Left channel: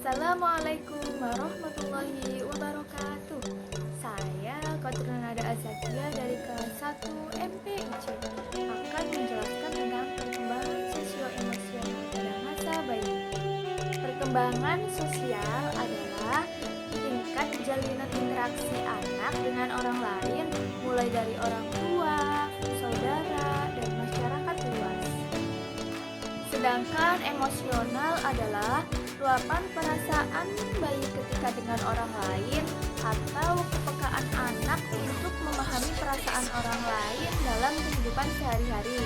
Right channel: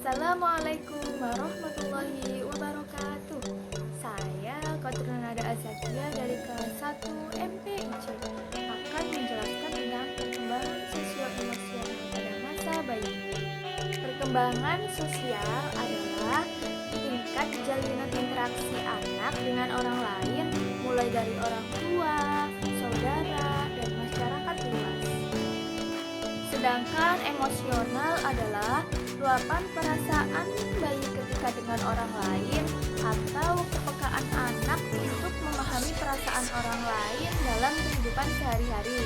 Assalamualaikum warahmatullahi wabarakatuh. Saya Qatrunada Azakia dari kelas 1 MPIC akan menjelaskan tentang perkembangan sosio-emosional pada masa bayi. Perkembangan sosial adalah tingkat jalinan interaksi anak dengan orang lain, mulai dari orang tua, saudara, dan masyarakat luas. Sedangkan emosional adalah luapan perasaan bayi ketika dengan orang lain atau kepekaan anak untuk memahami perasaan orang lain dalam kehidupan sehari-hari.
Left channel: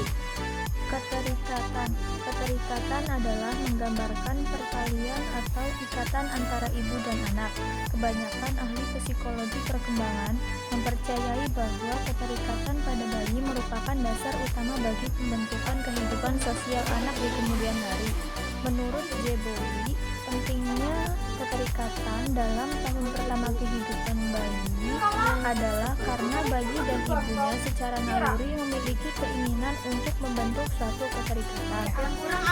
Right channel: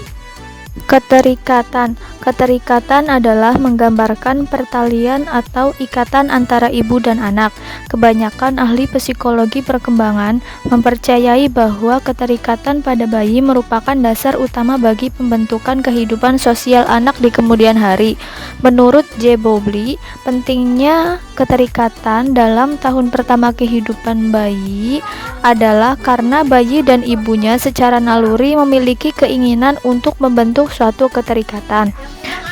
Keterikatan adalah menggambarkan pertalian atau ikatan antara ibu dan anak. Kebanyakan ahli psikologi perkembangan mempercayai bahwa keterikatan pada bayi merupakan dasar utama bagi pembentukan kehidupan sosial anak di kemudian hari. Menurut J. Bowlby, pentingnya keterikatan dalam tahun pertama kehidupan bayi adalah karena bayi dan ibunya secara naluri memiliki keinginan untuk membentuk suatu keterikatan.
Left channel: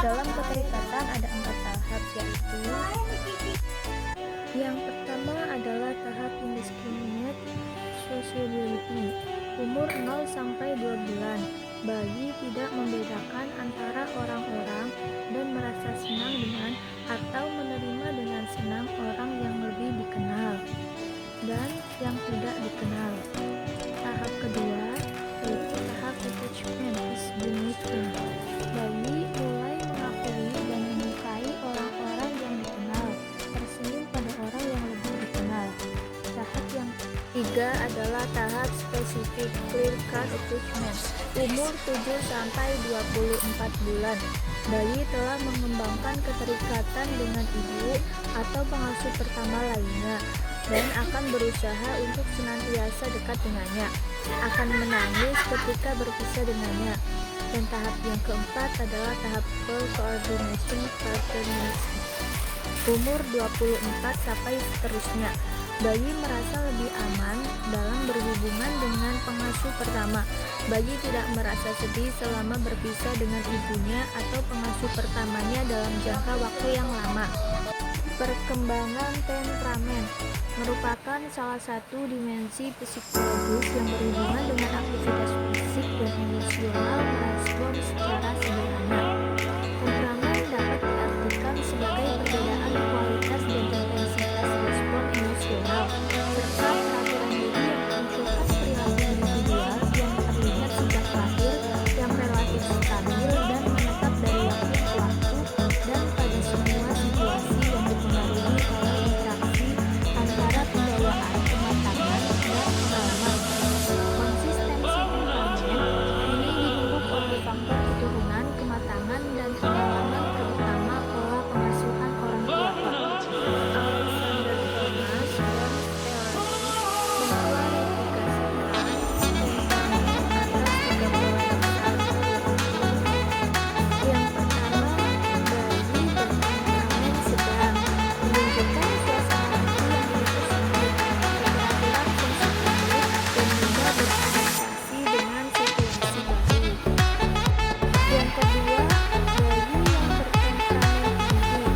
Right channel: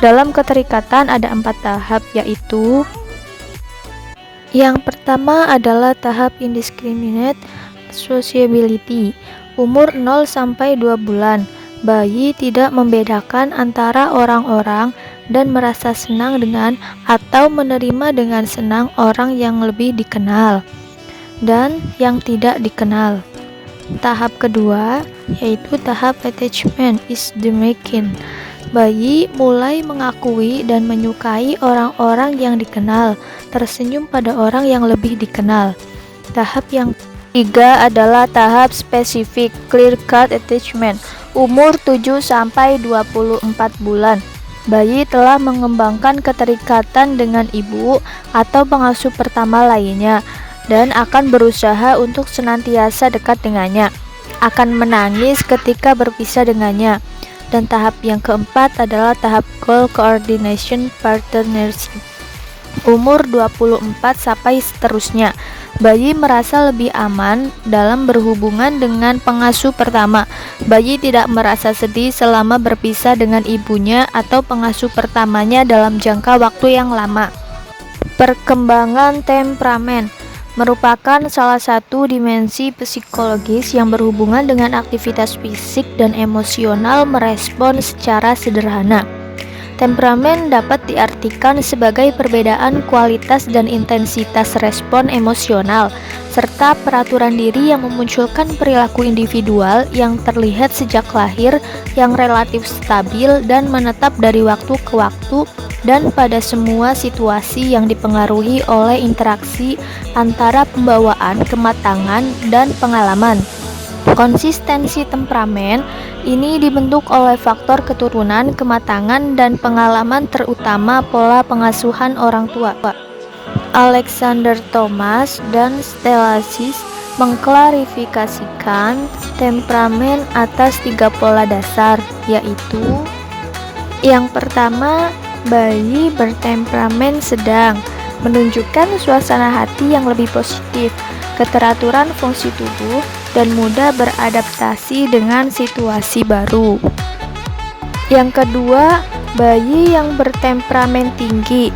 Dalam keterikatan ada 4 tahap, yaitu yang pertama adalah tahap indiscriminate sociability, umur 0 sampai 2 bulan. Bayi tidak membedakan antara orang-orang dan merasa senang dengan atau menerima dengan senang orang yang lebih dikenal dan yang tidak dikenal. Tahap kedua yaitu tahap attachment is the making. Bayi mulai mengakui dan menyukai orang-orang yang dikenal, tersenyum pada orang yang lebih dikenal. Tahap yang ketiga adalah tahap spesifik clear cut attachment, umur 7 sampai 24 bulan. Bayi telah mengembangkan keterikatan dengan ibu atau pengasuh pertama lainnya dan akan berusaha untuk senantiasa dekat dengannya, akan menangis ketika berpisah dengannya. Dan tahap yang keempat adalah tahap goal coordination partnership, umur 24 sampai seterusnya. Bayi merasa lebih aman dalam berhubungan dengan pengasuh pertama. Bayi tidak merasa sedih selama berpisah dengan ibunya atau pengasuh pertamanya dalam jangka waktu yang lama. Perkembangan temperamen merupakan salah satu dimensi psikologis yang berhubungan dengan aktivitas fisik dan emosional merespon secara sederhana. Temperamen dapat diartikan sebagai perbedaan kualitas dan intensitas respon emosional, serta peraturan diri yang memunculkan perilaku individual yang terlihat sejak lahir yang relatif stabil dan menetap dari waktu ke waktu dan pada semua situasi yang dipengaruhi oleh interaksi antara pembawaan, kematangan, dan pengalaman. Konsistensi temperamen ini dibentuk oleh faktor keturunan, kematangan, dan pengalaman, terutama pola pengasuhan orang tua. Alexander Thomas dan Stelasis mengklarifikasikan temperamen atas 3 pola dasar, yaitu yang pertama, bayi bertemperamen sedang, menunjukkan suasana hati yang lebih positif, keteraturan fungsi tubuh, dan mudah beradaptasi dengan situasi baru. Yang kedua, bayi yang bertemperamen tinggi,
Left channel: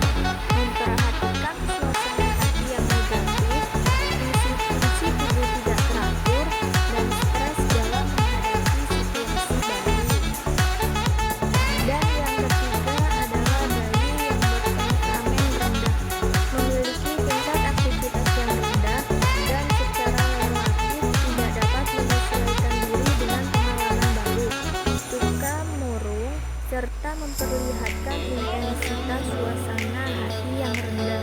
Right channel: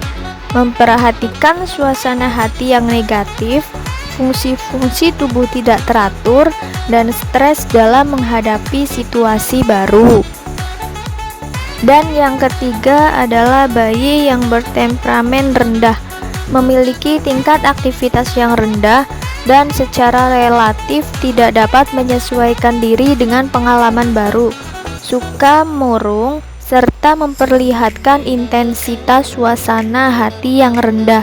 memperhatikan suasana hati yang negatif, fungsi-fungsi tubuh tidak teratur, dan stres dalam menghadapi situasi baru. Dan yang ketiga adalah bayi yang bertemperamen rendah, memiliki tingkat aktivitas yang rendah dan secara relatif tidak dapat menyesuaikan diri dengan pengalaman baru, suka murung, serta memperlihatkan intensitas suasana hati yang rendah.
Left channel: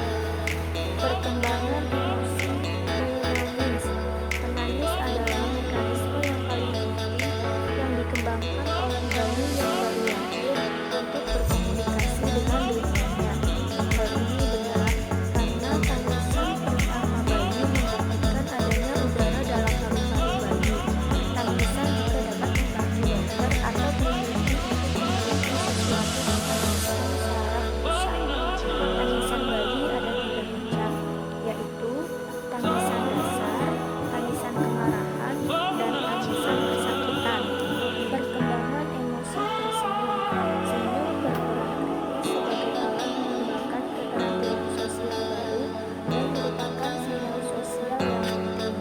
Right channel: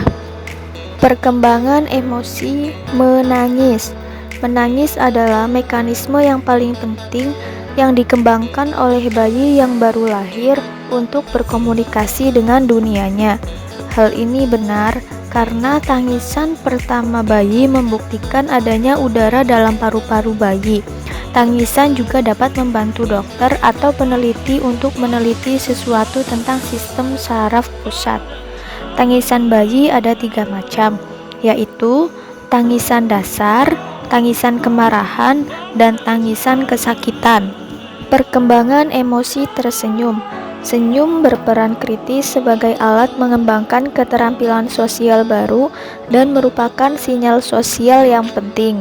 Perkembangan emosi menangis. Menangis adalah mekanisme yang paling penting yang dikembangkan oleh bayi yang baru lahir untuk berkomunikasi dengan dunianya. Hal ini benar karena tangisan pertama bayi membuktikan adanya udara dalam paru-paru bayi. Tangisan juga dapat membantu dokter atau peneliti untuk meneliti sesuatu tentang sistem saraf pusat. Tangisan bayi ada 3 macam, yaitu tangisan dasar, tangisan kemarahan, dan tangisan kesakitan. Perkembangan emosi tersenyum. Senyum berperan kritis sebagai alat mengembangkan keterampilan sosial baru dan merupakan sinyal sosial yang penting.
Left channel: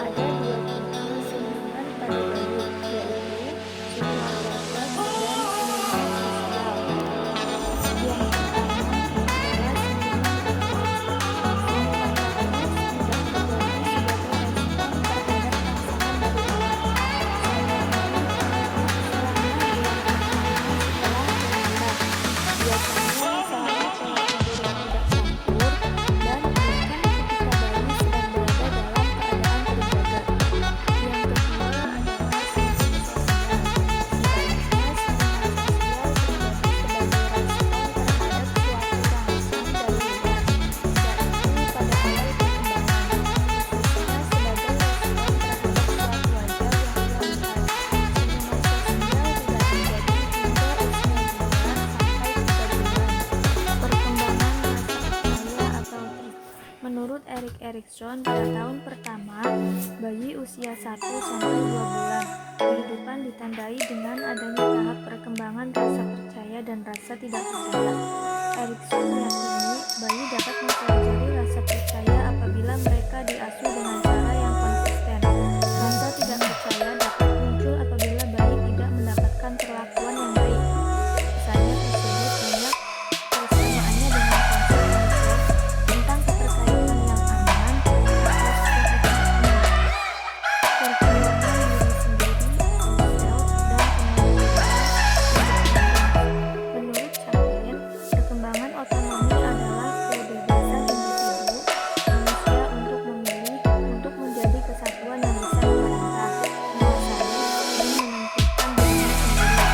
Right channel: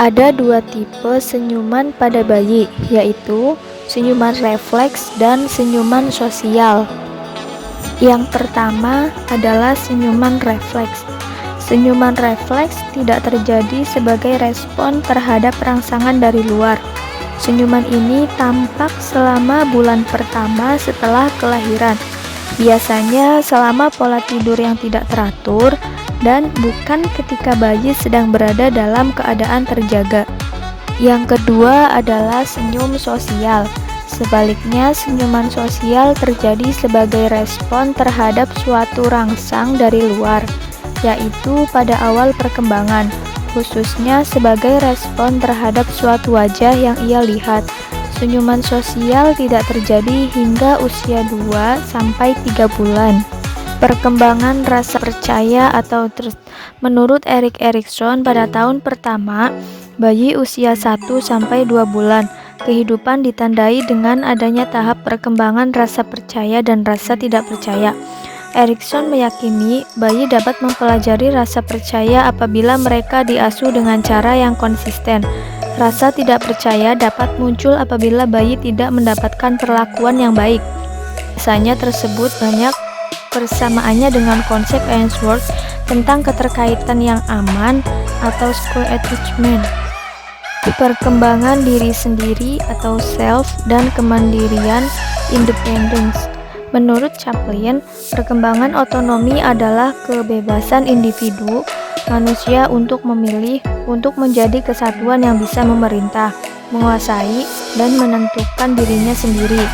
Ada dua tipe senyuman pada bayi, yaitu senyuman refleks dan senyuman sosial. Yang pertama adalah senyuman refleks. Senyuman refleks tidak terjadi sebagai respon terhadap rangsangan dari luar. Senyuman ini tampak selama bulan pertama setelah kelahiran, biasanya selama pola tidur yang tidak teratur dan bukan ketika bayi sedang berada dalam keadaan terjaga. Yang kedua adalah senyum sosial. Sebaliknya, senyuman sosial terjadi sebagai respon terhadap suatu rangsang dari luar, yaitu pada awal perkembangan, khususnya sebagai respon terhadap suatu wajah yang ia lihat. Senyuman sosial tidak terjadi hingga usia 2-3 bulan. Perkembangan rasa percaya atau trust. Menurut Erik Erikson, pada tahun pertama, bayi usia 1-2 bulan, kehidupan ditandai dengan adanya tahap perkembangan rasa percaya dan rasa tidak percaya. Erikson meyakini bayi dapat mempelajari rasa percaya apabila mereka diasuh dengan cara yang konsisten. Rasa tidak percaya dapat muncul apabila bayi tidak mendapatkan perlakuan yang baik. Biasanya tersebut banyak persamaannya dengan konsep Ainsworth tentang keterkaitan yang aman atau secure attachment. Perkembangan diri sendiri atau self dan kemandirian independence. Menurut Chaplin, perkembangan otonomi adalah kebebasan individu manusia untuk memilih, untuk menjadi kesatuan yang bisa memerintah, menguasai, dan menentukan dirinya sendiri.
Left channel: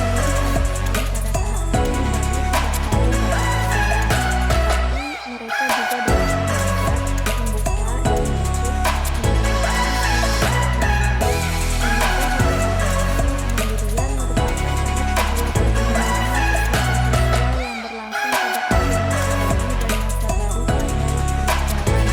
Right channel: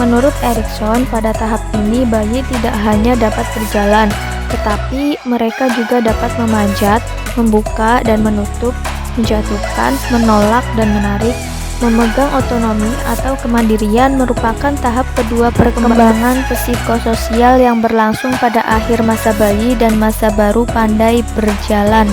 Menurut Erikson, pada tahap ini bayi tidak hanya dapat berjalan, tetapi mereka juga dapat memanjat, membuka dan menutup, menjatuhkan, menolak dan menarik. Memegang otonomi atau kemandirian merupakan tahap kedua perkembangan psikososial yang berlangsung pada akhir masa bayi dan masa baru pandai berjalan.